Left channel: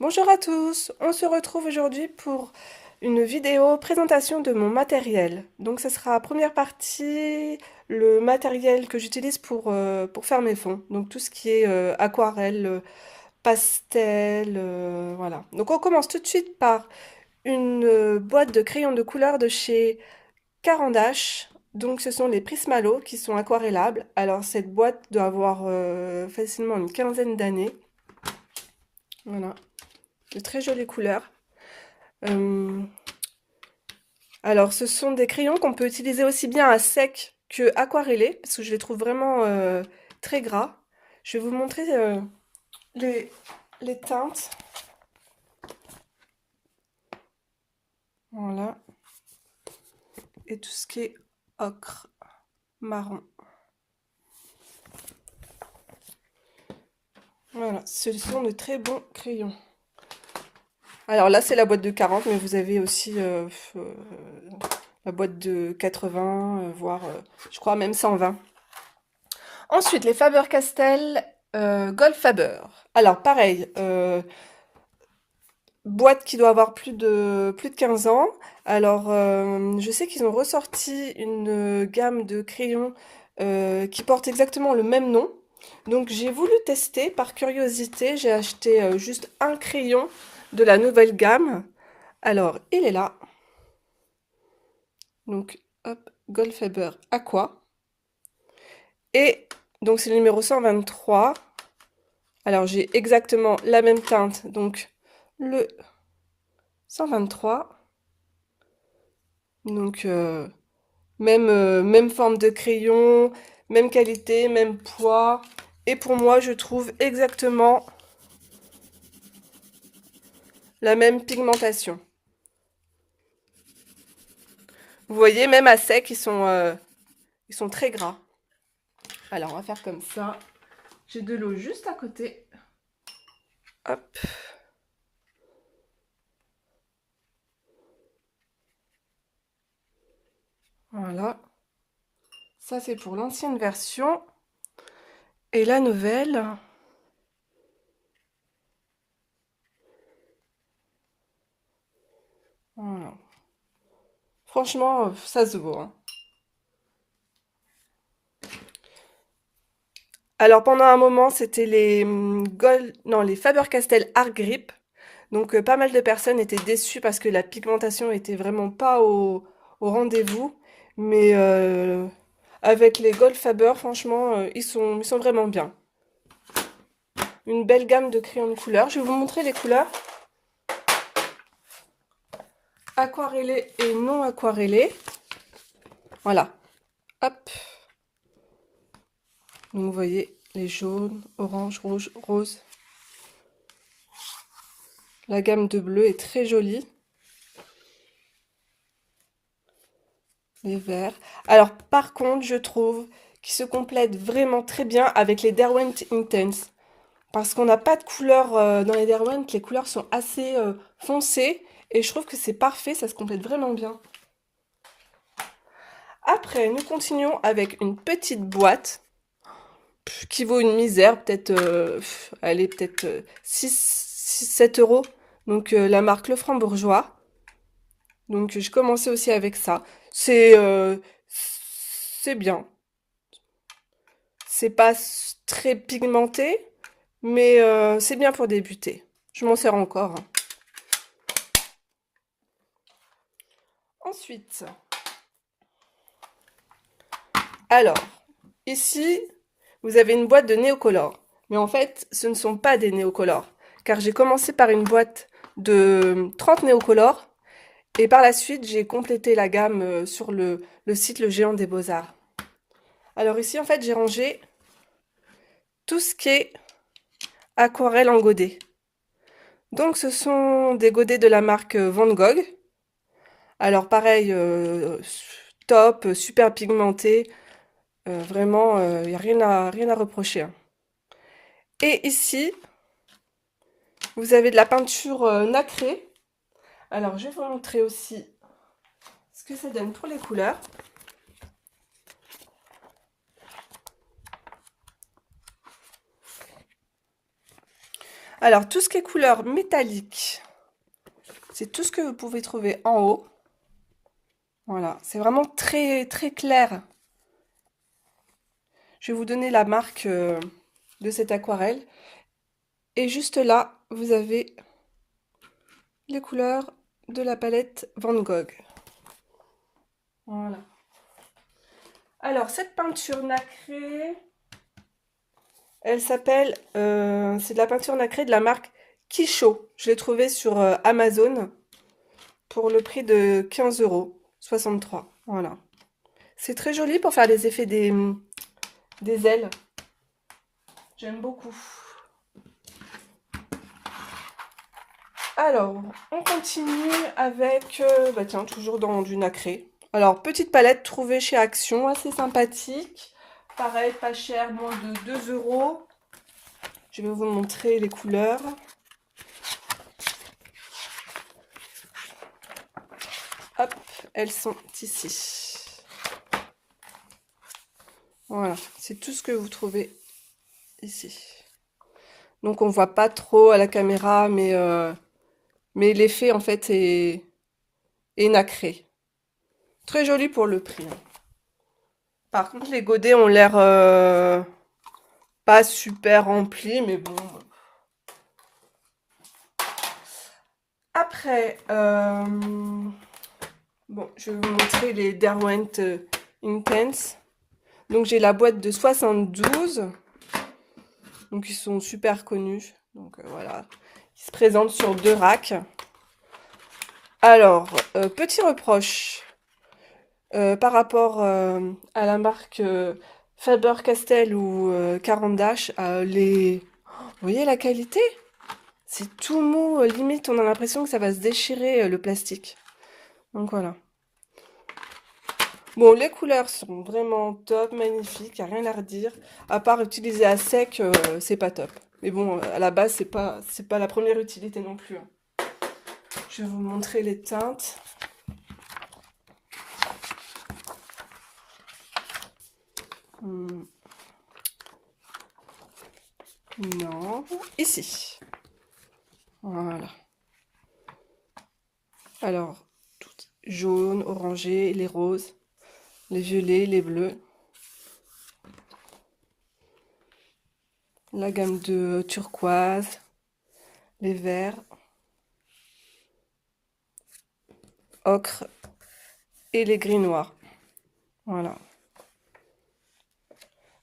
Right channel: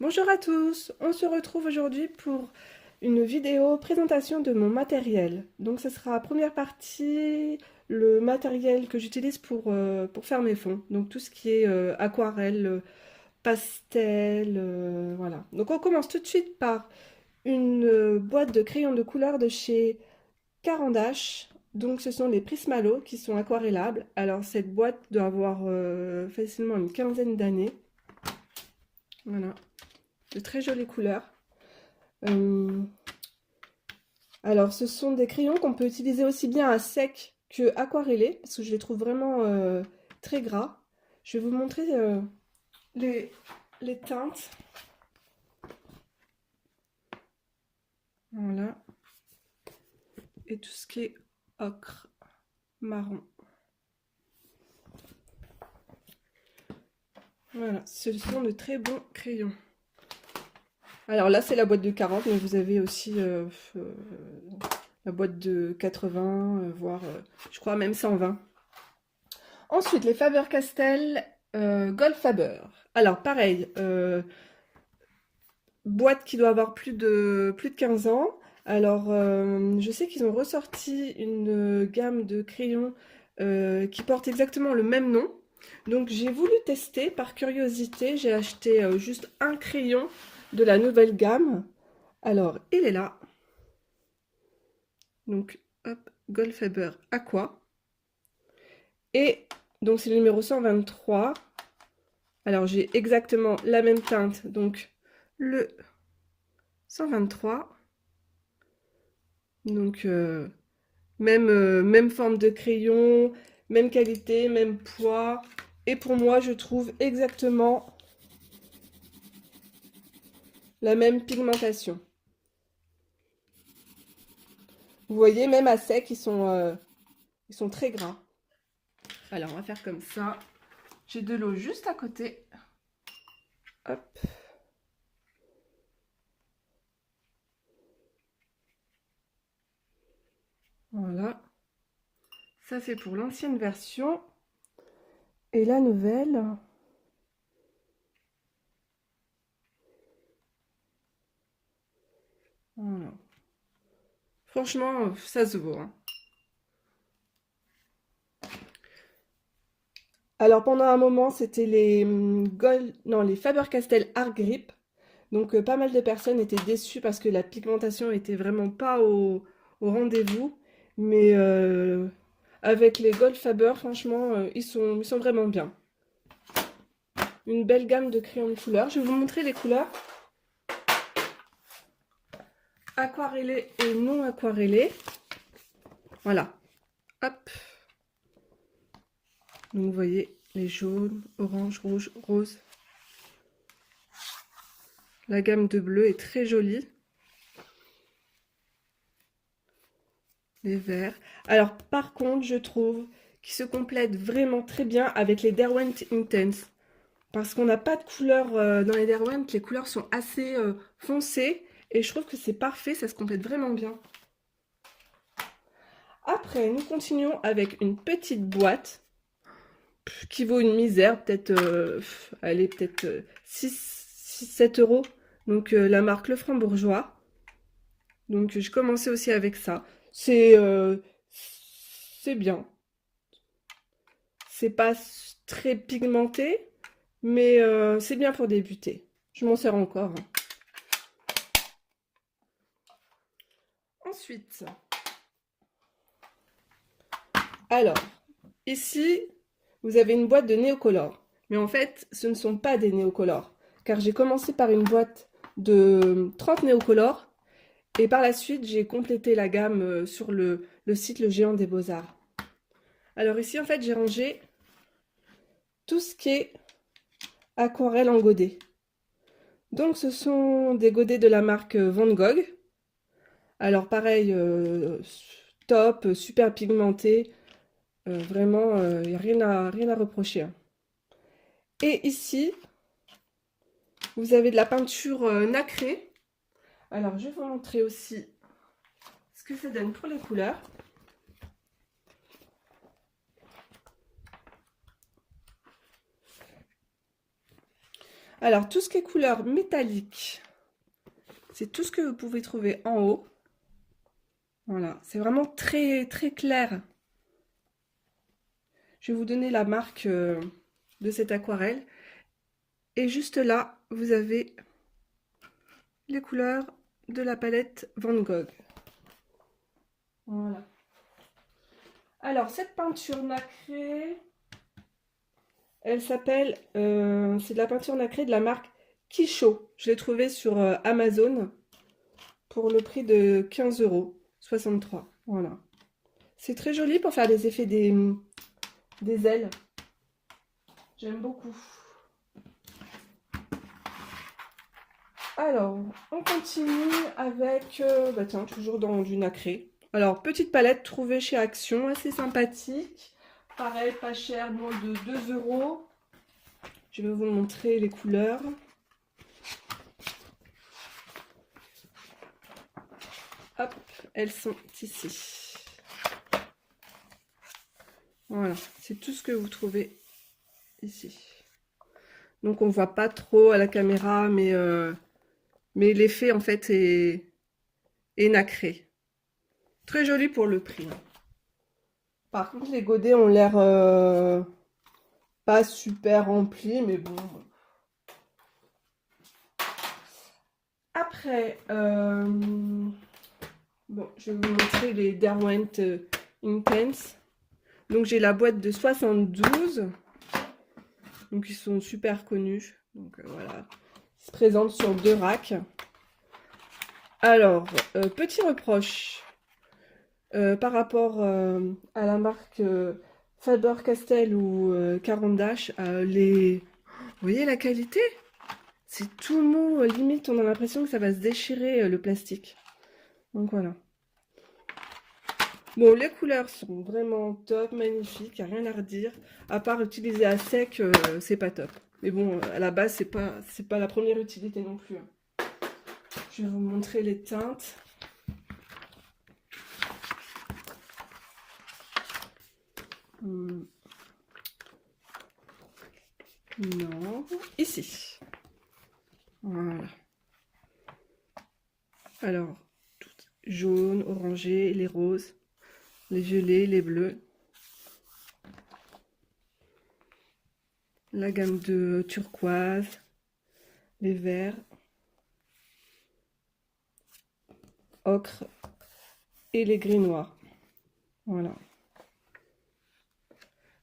Bonjour à tous, on se retrouve aujourd'hui pour une vidéo présentation de mon matériel. Donc ce sera première partie, le matériel que j'utilise pour faire mes fonds. Donc tout ce qui est aquarelle, pastel, voilà. Donc on commence tout de suite par une boîte de crayons de couleur de chez Caran d'Ache. Donc ce sont les Prismalo qui sont aquarellables. Alors cette boîte doit avoir facilement une quinzaine d'années. Voilà, de très jolies couleurs. Euh, alors, ce sont des crayons qu'on peut utiliser aussi bien à sec que aquarellés, parce que je les trouve vraiment très gras. Je vais vous montrer les, les teintes. Voilà. Et tout ce qui est ocre, marron. Voilà, ce sont de très bons crayons. Alors là, c'est la boîte de 40, mais vous avez aussi la boîte de 80, voire, je crois, même 120. Ensuite, les Faber-Castell Goldfaber. Alors, pareil, boîte qui doit avoir plus de 15 ans. Alors, je sais qu'ils ont ressorti une gamme de crayons qui porte exactement le même nom. Donc, j'ai voulu tester par curiosité. J'ai acheté juste un crayon de la nouvelle gamme. Alors, il est là. Donc, hop, Goldfaber Aqua. Et donc, c'est le numéro 123. Alors, j'ai exactement la même teinte. Donc, le 123. Donc, même forme de crayon, même qualité, même poids. Et pour moi, je trouve exactement la même pigmentation. Vous voyez, même à sec, ils sont très gras. Alors, on va faire comme ça. J'ai de l'eau juste à côté. Hop. Voilà. Ça, c'est pour l'ancienne version. Et la nouvelle... Voilà. Franchement, ça se vaut, hein. Alors pendant un moment, c'était les non, les Faber-Castell Art Grip. Donc pas mal de personnes étaient déçues parce que la pigmentation était vraiment pas au rendez-vous. Mais avec les Gold Faber, franchement, ils sont vraiment bien. Une belle gamme de crayons de couleurs. Je vais vous montrer les couleurs. Aquarellés et non aquarellés. Voilà. Hop. Donc vous voyez les jaunes, orange, rouge, rose. La gamme de bleu est très jolie. Les verts. Alors par contre, je trouve qu'ils se complètent vraiment très bien avec les Derwent Intense. Parce qu'on n'a pas de couleur dans les Derwent, les couleurs sont assez foncées. Et je trouve que c'est parfait, ça se complète vraiment bien. Après, nous continuons avec une petite boîte qui vaut une misère, peut-être, elle est peut-être 6-7 euros. Donc la marque Le Franc-Bourgeois. Donc je commençais aussi avec ça. C'est bien. C'est pas très pigmenté, mais c'est bien pour débuter. Je m'en sers encore, hein. Ensuite, alors, ici, vous avez une boîte de néocolores. Mais en fait, ce ne sont pas des néocolores. Car j'ai commencé par une boîte de 30 néocolores. Et par la suite, j'ai complété la gamme sur le site Le Géant des Beaux-Arts. Alors ici, en fait, j'ai rangé tout ce qui est aquarelle en godet. Donc ce sont des godets de la marque Van Gogh. Alors pareil, top, super pigmenté. Vraiment, il n'y a rien à reprocher, hein. Et ici, vous avez de la peinture nacrée. Alors je vais vous montrer aussi ce que ça donne pour les couleurs. Alors, tout ce qui est couleur métallique, c'est tout ce que vous pouvez trouver en haut. Voilà, c'est vraiment très très clair. Je vais vous donner la marque de cette aquarelle. Et juste là, vous avez les couleurs de la palette Van Gogh. Voilà. Alors, cette peinture nacrée, elle s'appelle, c'est de la peinture nacrée de la marque Kisho. Je l'ai trouvée sur Amazon pour le prix de 15,63 €. Voilà. C'est très joli pour faire les effets des ailes. J'aime beaucoup. Alors, on continue avec, bah tiens, toujours dans du nacré. Alors, petite palette trouvée chez Action, assez sympathique. Pareil, pas cher, moins de 2 €. Je vais vous montrer les couleurs. Hop, elles sont ici. Voilà, c'est tout ce que vous trouvez ici. Donc, on voit pas trop à la caméra, mais l'effet, en fait, est nacré. Très joli pour le prix. Par contre, les godets ont l'air pas super remplis, mais bon. Après, bon, je vais vous montrer les Derwent Intense. Donc, j'ai la boîte de 72. Donc, ils sont super connus. Donc, voilà. Ils se présentent sur 2 racks. Alors, petit reproche par rapport à la marque Faber-Castell ou Caran d'Ache. Vous voyez la qualité? C'est tout mou, limite on a l'impression que ça va se déchirer le plastique. Donc voilà. Bon, les couleurs sont vraiment top, magnifiques, y a rien à redire. À part utiliser à sec, c'est pas top. Mais bon, à la base, c'est pas la première utilité non plus. Je vais vous montrer les teintes. Non, ici. Voilà. Alors, jaune, orangé, les roses, les violets, les bleus. La gamme de turquoise, les verts, ocre et les gris noirs. Voilà.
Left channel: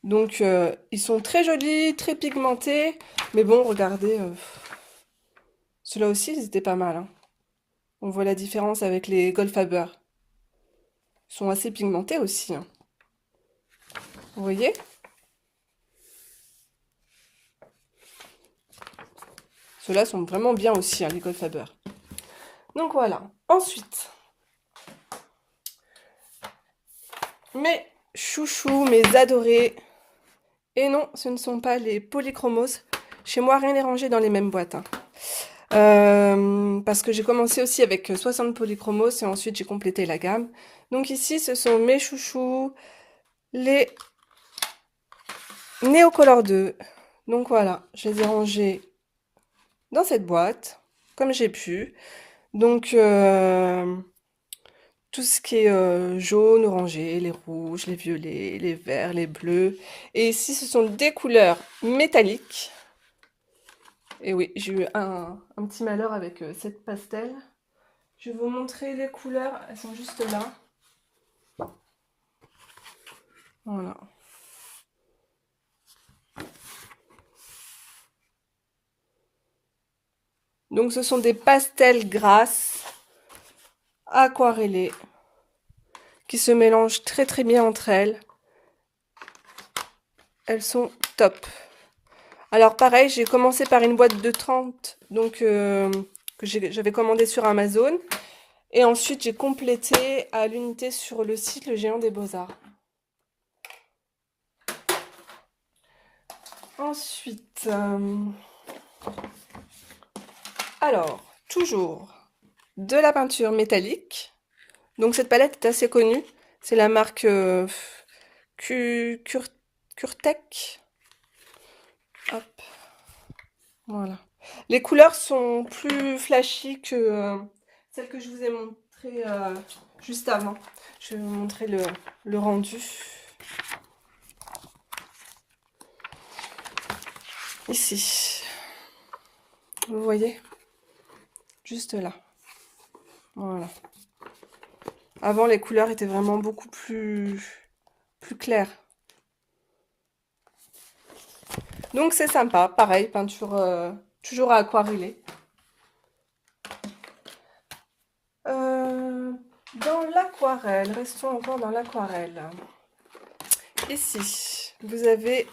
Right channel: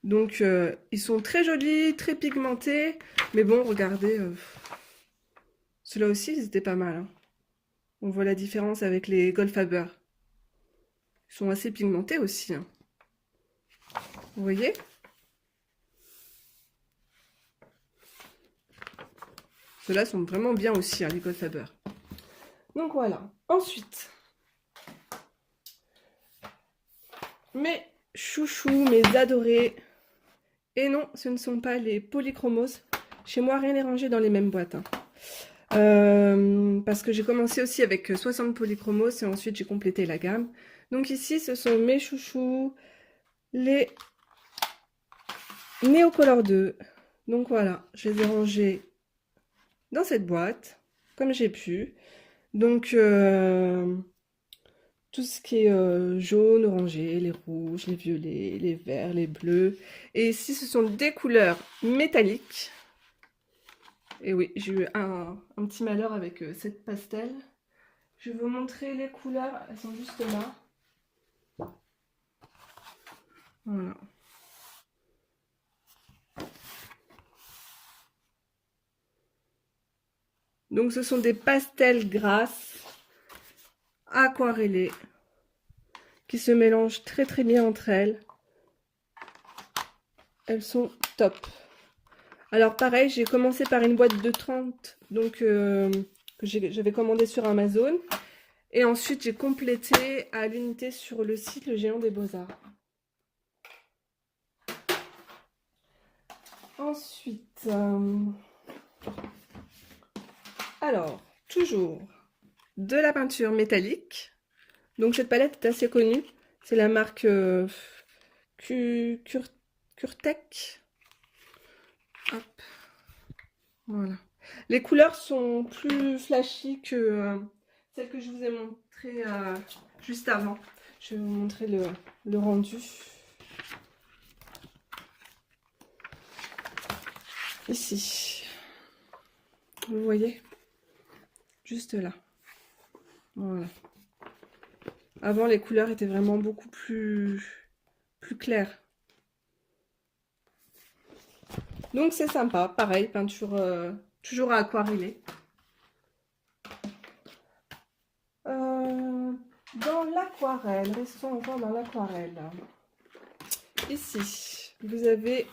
Donc, ils sont très jolis, très pigmentés. Mais bon, regardez, ceux-là aussi, ils étaient pas mal. Hein. On voit la différence avec les Goldfaber. Ils sont assez pigmentés aussi. Hein. Vous voyez? Ceux-là sont vraiment bien aussi, hein, les Goldfaber. Donc voilà. Ensuite, mes chouchous, mes adorés. Et non, ce ne sont pas les polychromos. Chez moi, rien n'est rangé dans les mêmes boîtes. Hein. Parce que j'ai commencé aussi avec 60 polychromos et ensuite j'ai complété la gamme. Donc ici, ce sont mes chouchous, les Neocolor 2. Donc voilà, je les ai rangés dans cette boîte, comme j'ai pu. Donc, tout ce qui est jaune, orangé, les rouges, les violets, les verts, les bleus. Et ici, ce sont des couleurs métalliques. Et oui, j'ai eu un petit malheur avec cette pastel. Je vais vous montrer les couleurs, elles sont juste là. Voilà. Donc ce sont des pastels grasses, aquarellées, qui se mélangent très très bien entre elles. Elles sont top. Alors pareil, j'ai commencé par une boîte de 30, donc que j'avais commandé sur Amazon. Et ensuite, j'ai complété à l'unité sur le site Le Géant des Beaux-Arts. Ensuite, alors, toujours de la peinture métallique. Donc cette palette est assez connue. C'est la marque Kurtak. Hop. Voilà. Les couleurs sont plus flashy que celles que je vous ai montrées juste avant. Je vais vous montrer le rendu. Ici. Vous voyez? Juste là. Voilà. Avant, les couleurs étaient vraiment beaucoup plus claires. Donc c'est sympa. Pareil, peinture toujours à aquareller. Dans l'aquarelle, restons encore dans l'aquarelle. Ici, vous avez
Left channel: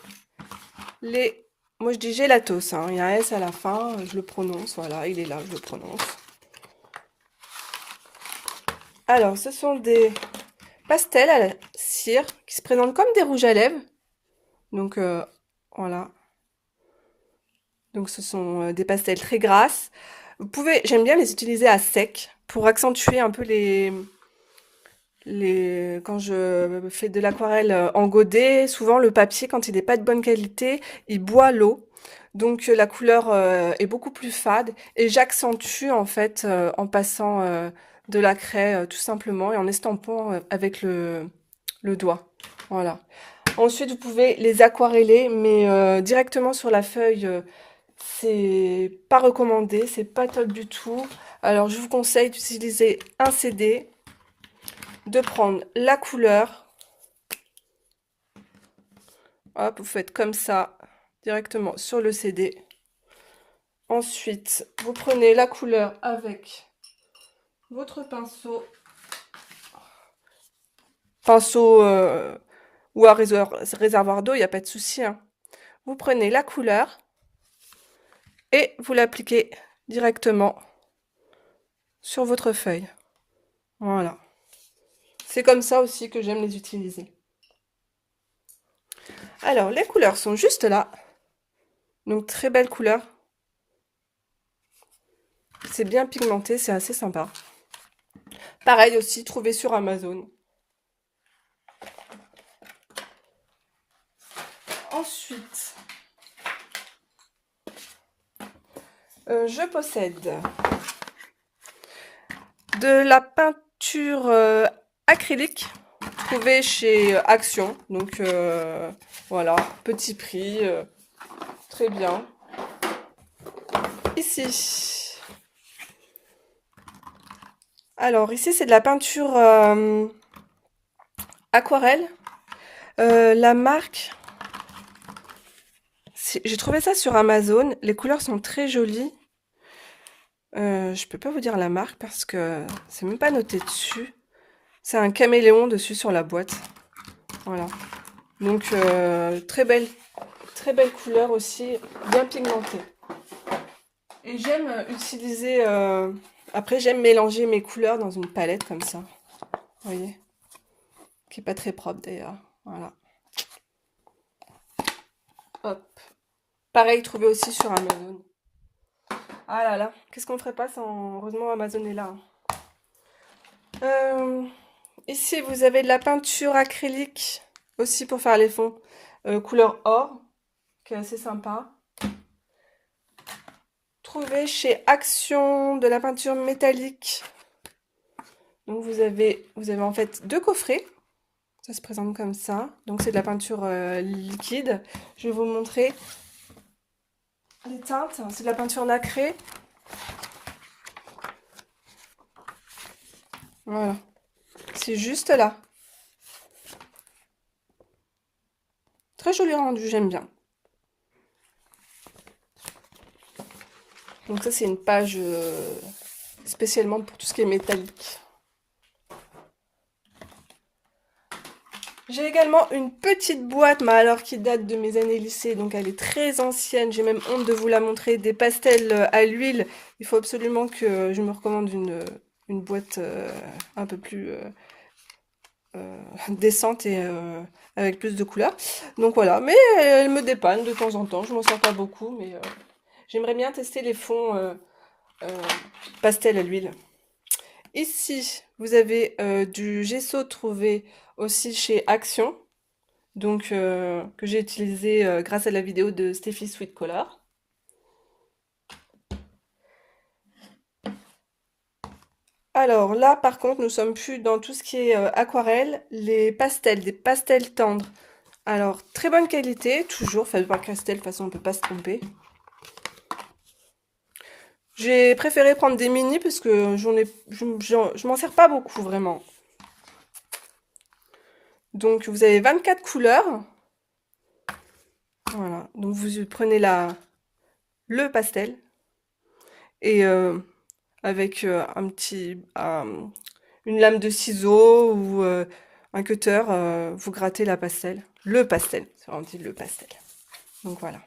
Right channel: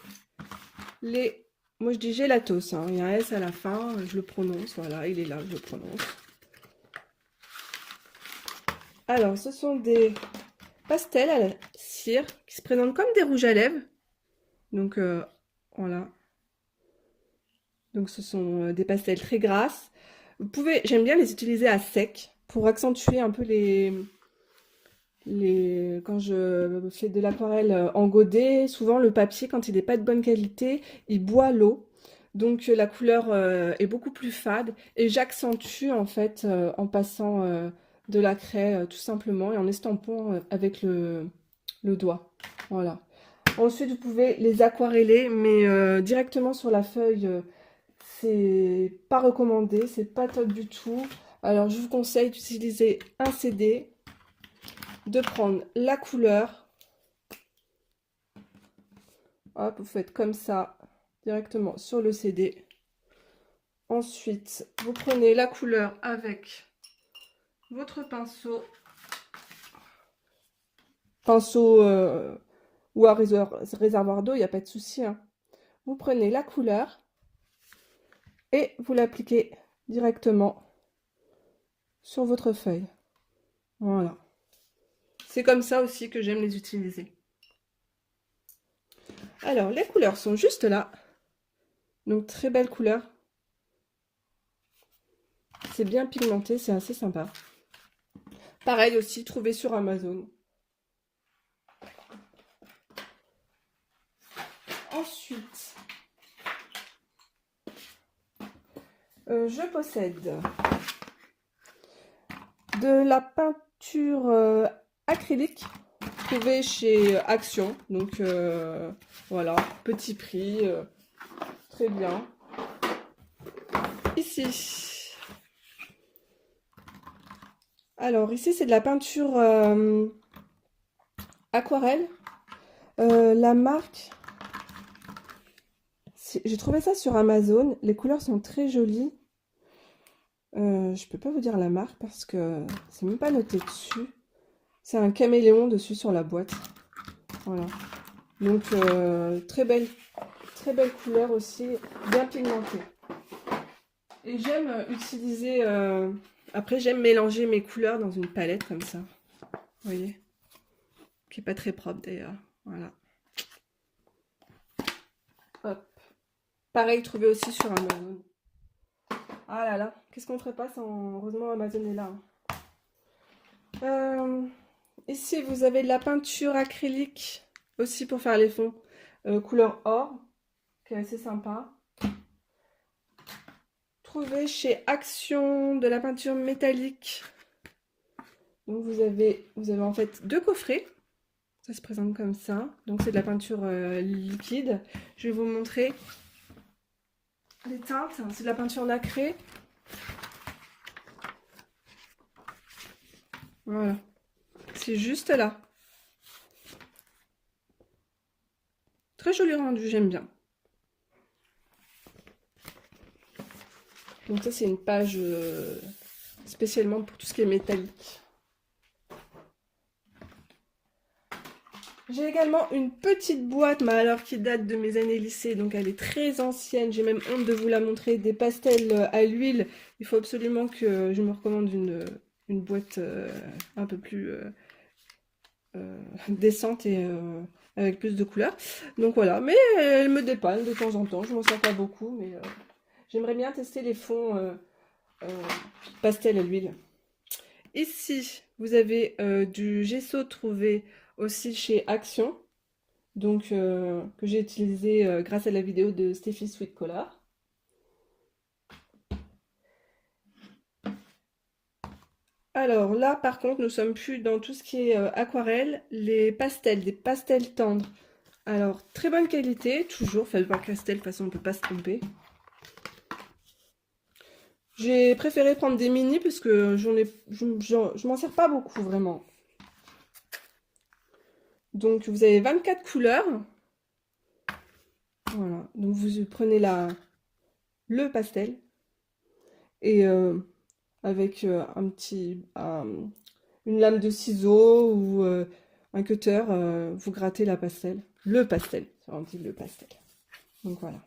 les... Moi je dis gélatos, hein. Il y a un S à la fin, je le prononce, voilà, il est là, je le prononce. Alors, ce sont des pastels à la cire qui se présentent comme des rouges à lèvres. Donc, voilà. Donc, ce sont des pastels très grasses. Vous pouvez, j'aime bien les utiliser à sec pour accentuer un peu quand je fais de l'aquarelle en godet, souvent le papier, quand il n'est pas de bonne qualité, il boit l'eau. Donc la couleur est beaucoup plus fade et j'accentue en fait en passant de la craie tout simplement et en estampant avec le doigt. Voilà. Ensuite, vous pouvez les aquareller, mais directement sur la feuille, c'est pas recommandé, c'est pas top du tout. Alors, je vous conseille d'utiliser un CD, de prendre la couleur. Hop, vous faites comme ça, directement sur le CD. Ensuite, vous prenez la couleur avec votre pinceau. Pinceau ou un réservoir d'eau, il n'y a pas de souci, hein. Vous prenez la couleur et vous l'appliquez directement sur votre feuille. Voilà. C'est comme ça aussi que j'aime les utiliser. Alors, les couleurs sont juste là. Donc, très belle couleur. C'est bien pigmenté, c'est assez sympa. Pareil aussi, trouvé sur Amazon. Ensuite, je possède de la peinture acrylique trouvée chez Action. Donc voilà, petit prix, très bien. Ici. Alors ici c'est de la peinture aquarelle. La marque, j'ai trouvé ça sur Amazon. Les couleurs sont très jolies. Je peux pas vous dire la marque parce que c'est même pas noté dessus. C'est un caméléon dessus sur la boîte. Voilà. Donc très belle couleur aussi, bien pigmentée. Et j'aime utiliser... Après j'aime mélanger mes couleurs dans une palette comme ça. Vous voyez? Qui est pas très propre d'ailleurs. Voilà. Hop. Pareil, trouvé aussi sur Amazon. Ah là là, qu'est-ce qu'on ferait pas sans... Heureusement Amazon est là. Ici, vous avez de la peinture acrylique aussi pour faire les fonds. Couleur or, qui est assez sympa. Trouvé chez Action de la peinture métallique. Donc vous avez en fait deux coffrets. Ça se présente comme ça. Donc c'est de la peinture liquide. Je vais vous montrer les teintes. C'est de la peinture nacrée. Voilà. C'est juste là. Très joli rendu, j'aime bien. Donc ça c'est une page spécialement pour tout ce qui est métallique. J'ai également une petite boîte, mais alors qui date de mes années lycée, donc elle est très ancienne. J'ai même honte de vous la montrer. Des pastels à l'huile. Il faut absolument que je me recommande une boîte un peu plus décente et avec plus de couleurs. Donc voilà, mais elle me dépanne de temps en temps. Je m'en sers pas beaucoup, mais j'aimerais bien tester les fonds pastel à l'huile. Ici, vous avez du gesso trouvé aussi chez Action, donc que j'ai utilisé grâce à la vidéo de Steffi Sweet Color. Alors là, par contre, nous sommes plus dans tout ce qui est aquarelle, les pastels, des pastels tendres. Alors, très bonne qualité, toujours Faber-Castell, de toute façon, on ne peut pas se tromper. J'ai préféré prendre des mini parce que je m'en sers pas beaucoup, vraiment. Donc, vous avez 24 couleurs. Voilà, donc vous prenez le pastel et avec une lame de ciseau ou un cutter, vous grattez la pastel. Le pastel, on dit le pastel. Donc voilà.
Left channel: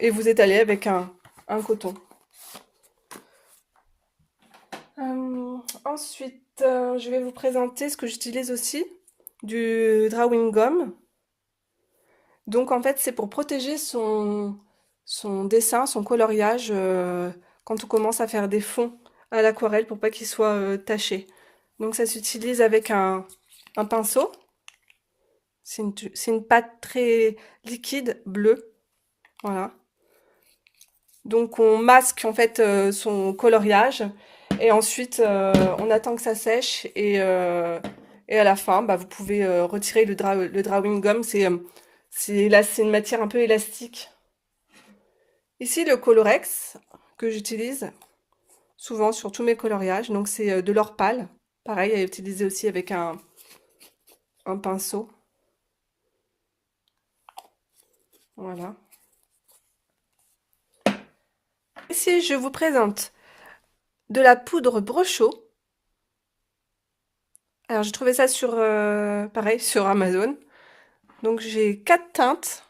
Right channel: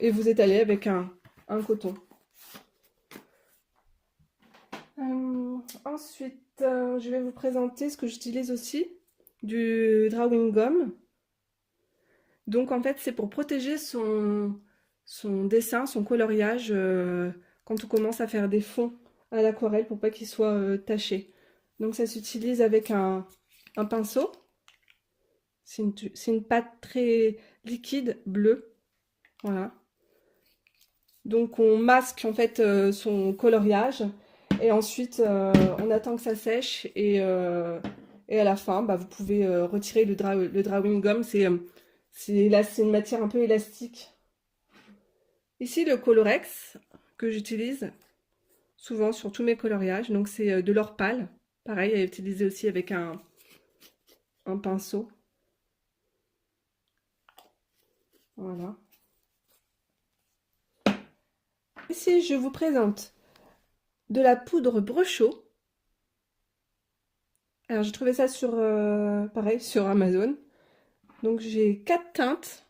Et vous étalez avec un coton. Ensuite, je vais vous présenter ce que j'utilise aussi, du drawing gum. Donc en fait, c'est pour protéger son dessin, son coloriage quand on commence à faire des fonds à l'aquarelle pour pas qu'ils soient tachés. Donc ça s'utilise avec un pinceau. C'est une pâte très liquide, bleue. Voilà. Donc on masque en fait son coloriage et ensuite on attend que ça sèche et à la fin bah, vous pouvez retirer le drawing gum. C'est une matière un peu élastique. Ici le Colorex que j'utilise souvent sur tous mes coloriages. Donc c'est de l'or pâle. Pareil, à utiliser aussi avec un pinceau. Voilà. Ici je vous présente de la poudre Brochot. Alors j'ai trouvé ça sur, pareil, sur Amazon. Donc j'ai 4 teintes.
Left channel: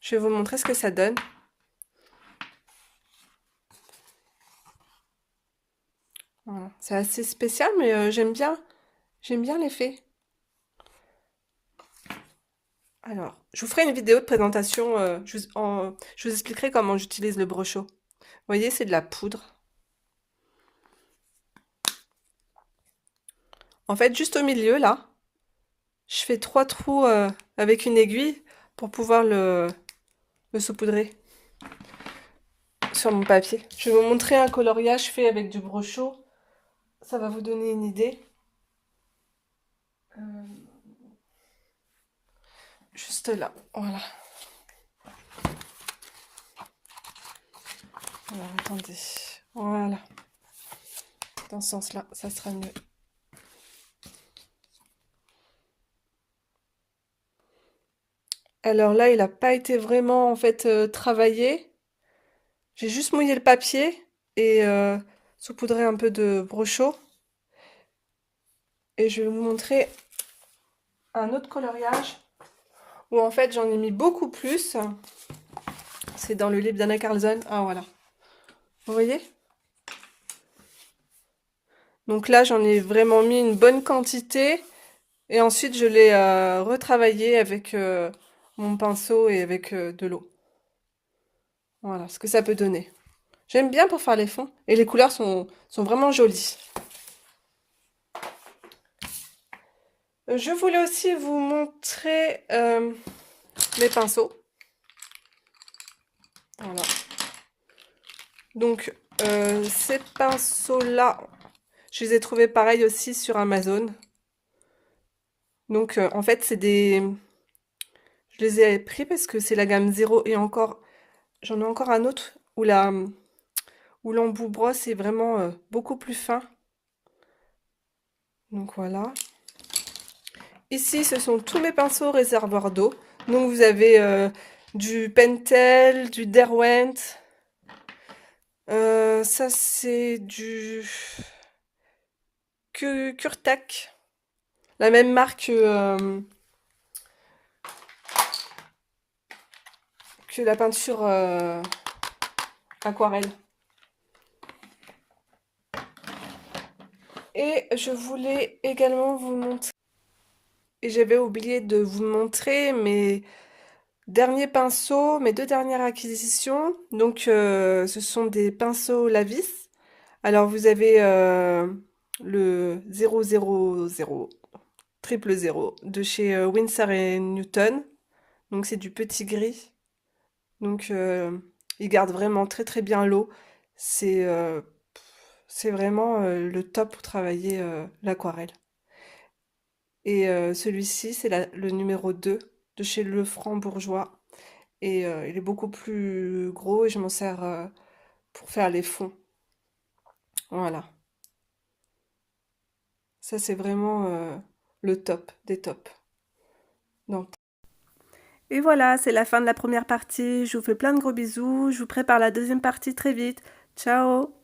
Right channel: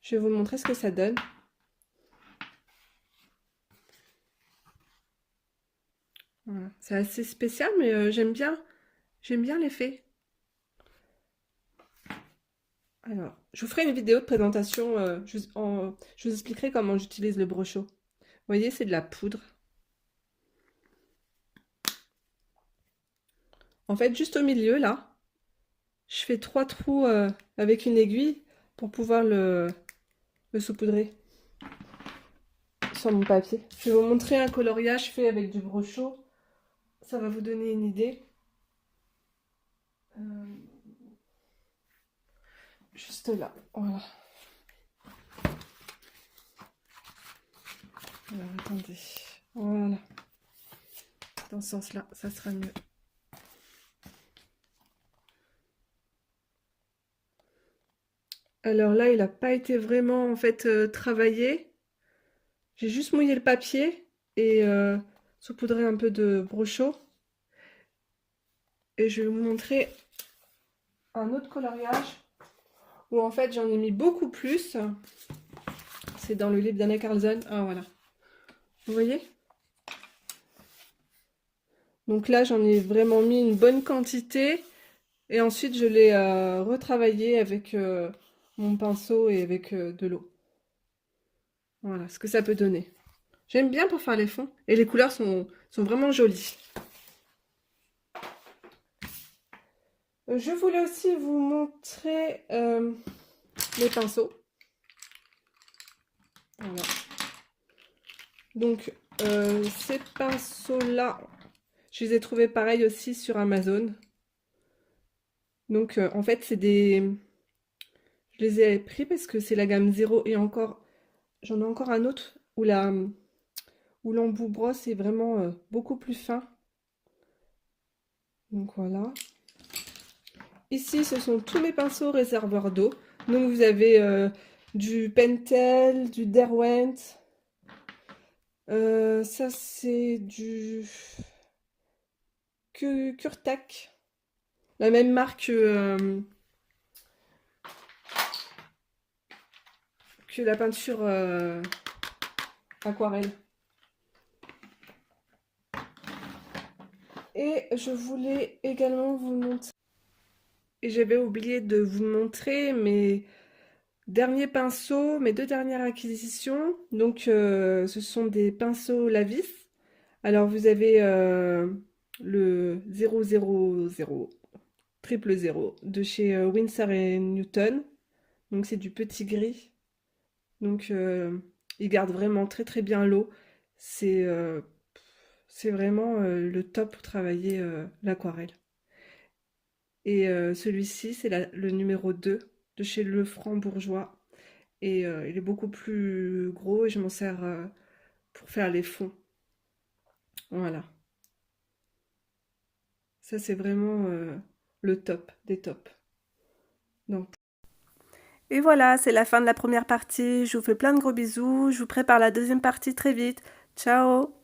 Je vais vous montrer ce que ça donne. Voilà. C'est assez spécial, mais j'aime bien l'effet. Alors, je vous ferai une vidéo de présentation. Je vous expliquerai comment j'utilise le Brochot. Vous voyez, c'est de la poudre. En fait, juste au milieu, là, je fais 3 trous avec une aiguille pour pouvoir le saupoudrer sur mon papier. Je vais vous montrer un coloriage fait avec du Brochot. Ça va vous donner une idée. Juste là, voilà. Alors, attendez. Voilà. Dans ce sens-là, ça sera mieux. Alors là, il n'a pas été vraiment en fait travaillé. J'ai juste mouillé le papier et saupoudré un peu de Brochot. Et je vais vous montrer un autre coloriage où en fait j'en ai mis beaucoup plus. C'est dans le livre d'Anna Carlson. Ah voilà. Vous voyez? Donc là, j'en ai vraiment mis une bonne quantité. Et ensuite, je l'ai retravaillé avec mon pinceau et avec de l'eau. Voilà ce que ça peut donner. J'aime bien pour faire les fonds. Et les couleurs sont vraiment jolies. Je voulais aussi vous montrer mes pinceaux. Voilà. Donc, ces pinceaux-là, je les ai trouvés pareil aussi sur Amazon. Donc, en fait, je les ai pris parce que c'est la gamme 0 et encore, j'en ai encore un autre où l'embout brosse est vraiment beaucoup plus fin. Donc voilà. Ici, ce sont tous mes pinceaux réservoirs d'eau. Donc vous avez du Pentel, du Derwent. Ça c'est du Kurtak. La même marque que la peinture aquarelle. Et je voulais également vous montrer, et j'avais oublié de vous montrer mes derniers pinceaux, mes deux dernières acquisitions. Donc ce sont des pinceaux Lavis. Alors vous avez le 000 triple 0 de chez Winsor et Newton. Donc c'est du petit gris. Donc il garde vraiment très très bien l'eau. C'est c'est vraiment le top pour travailler l'aquarelle. Et celui-ci, c'est le numéro 2 de chez Lefranc Bourgeois. Et il est beaucoup plus gros et je m'en sers pour faire les fonds. Voilà. Ça, c'est vraiment le top des tops. Donc. Et voilà, c'est la fin de la première partie. Je vous fais plein de gros bisous. Je vous prépare la deuxième partie très vite. Ciao!